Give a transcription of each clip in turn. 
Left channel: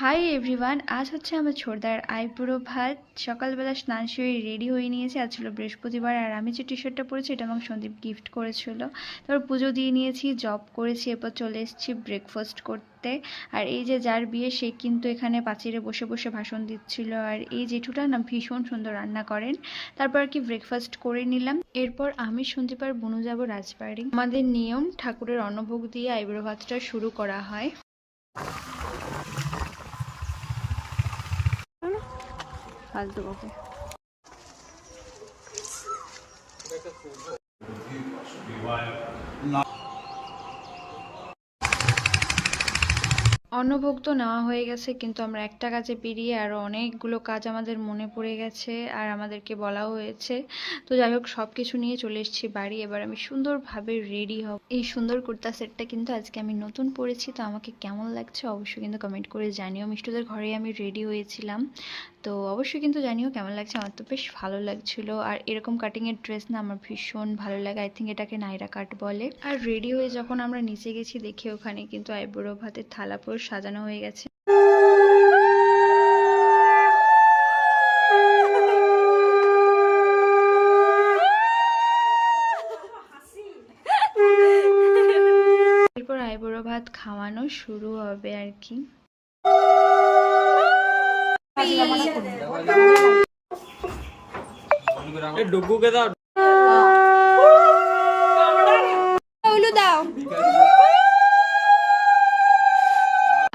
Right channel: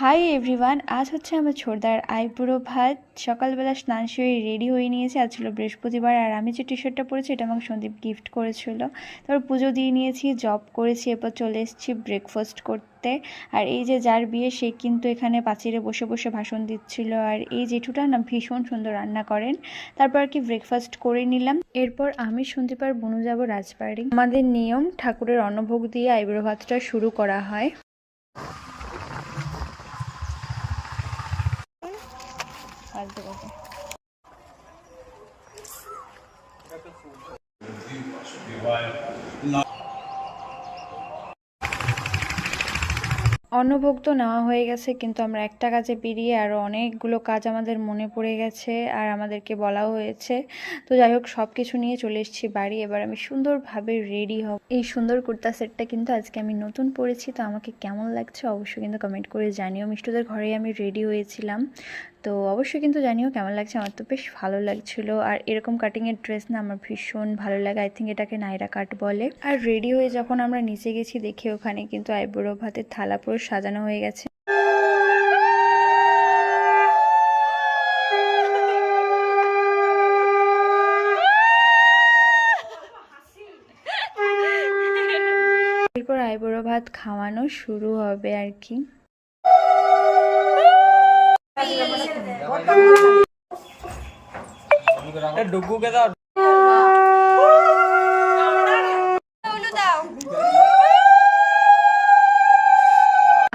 Hi everyone, আজ হচ্ছে আমার ছোটদার আইবুড়ো ভাত। সকালবেলা স্নান সেরে রেডি হয়ে নিয়েছি। আজ ছিল বৃহস্পতিবার, আর আমি যে টি শার্টটা পরেছি এটা আমাকে সন্দীপ গিফট করেছিল। তারপর পুজো দিয়ে নিয়েছি, জব করেছি, এরপর চলে এসেছি ব্রেকফাস্ট করতে। আর এই যে যার বিয়ে সে কিন্তু এখানে পাঁচিলে বসে বসে ভাষণ দিচ্ছিল। আর এই জেঠুটা না ভীষণ সুন্দর রান্না করেন। তারপর আর কি ব্রেকফাস্ট করে নিলাম। এরপর আমি সন্দীপ আর বুনু যাব রাজবাড়ি। আমাদের নিয়ম ঠাকুরের অন্নভোগ দিয়ে আইবুড়ো ভাতটা শুরু করা হয়। ফালতু কথা। অন্নভোগ তো নেওয়া হয়ে গেছে, কিন্তু আমরা একটা কাজে বেরিয়ে আরও অনেকগুলো কাজ আমাদের মনে পড়ে গেছে আর আমাদেরকে বলাও হয়েছে। তো যাই হোক, সব কিছু নিয়ে চলে এসেছি বাড়ি। এবার আমি সুন্দরভাবে রেডি হব। এই সুন্দর কুর্তা সেটটা কিন্তু আজকে আমি নতুন পরেছি। তো আমাকে কেমন লাগছে অবশ্যই কিন্তু কমেন্ট করে জানিও। মিষ্টুদের ঘরেই আমি রেডি হয়েছিলাম, তো অবশ্যই কিন্তু জানিও কেমন লাগছে। আমার তো বেশ ভালো লাগছিল। আর এরকম কাটিংয়ের ড্রেস না আমার ভীষণ ভালো লাগে। আই থিঙ্ক এটাকে নাইরা কাট বলে। আর রেডি হয়ে যখন আমরা নিচে গেছি, দেখি ওখানে কিন্তু আইবুড়ো ভাতের থালা পুরো সাজানো হয়ে গেছে। এরপর আইবুড়ো ভাত খাওয়ানো শুরু হবে আর কি। ডুগুকে দাও।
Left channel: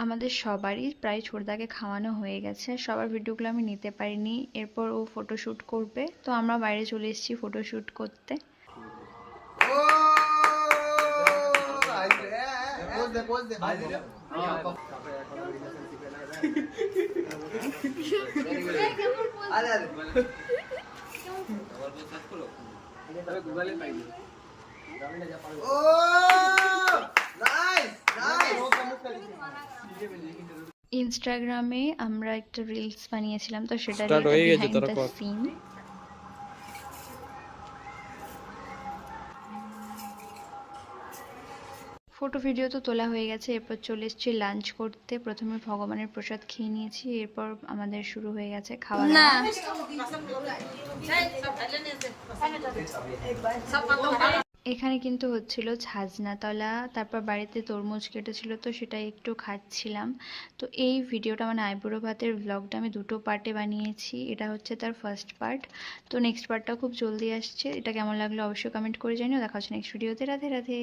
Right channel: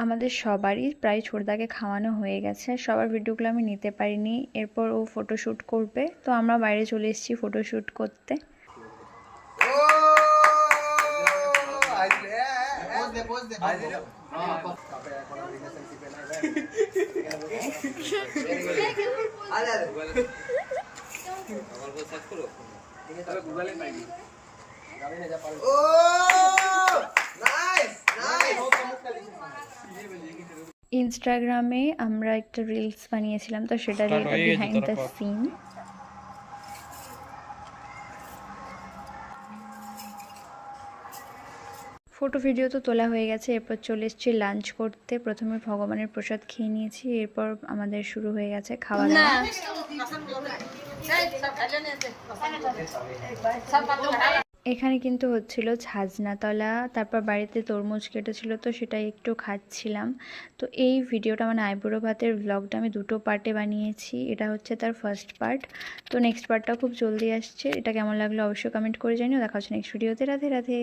আমাদের সবারই প্রায় ছোটদাকে খাওয়ানো হয়ে গেছে। সবার ভিডিওগুলো আমি নিতে পারিনি। এরপর ও ফটোশ্যুট করবে, তো আমরা বাইরে চলে এসেছি ফটোশ্যুট করতে। ইনস্টাগ্রামে আমরা একটা রিলস বানিয়েছিলাম, তো সেটা behind the scene. Photo video তো তোলা হয়ে গেছে। এরপর চলে এসেছি লাঞ্চ করতে। প্রথমে ভগবানের প্রসাদ খেয়ে নিয়েছি, এরপর আমাদের শুরু হয়ে গেছে খাওয়া দাওয়া। এখানে কিন্তু হচ্ছিল ছাজনাতলা। তারপর বাড়িতে তরমুজ কেটেছিল, তো সেটাই একটু খাচ্ছিলাম। তো এই ভিডিওটা মানে আইবুড়ো ভাতের ব্লগটা আমি দুটো পার্টে বানিয়েছি। এটা হচ্ছে তার ফার্স্ট পার্ট। তো নেক্সট পার্টটা খুব জলদি আসছে। এটা কেমন লাগলো অবশ্যই কমেন্ট করে জানিও। দেখা হচ্ছে নেক্সট ভিডিওতে। রাধে রাধে।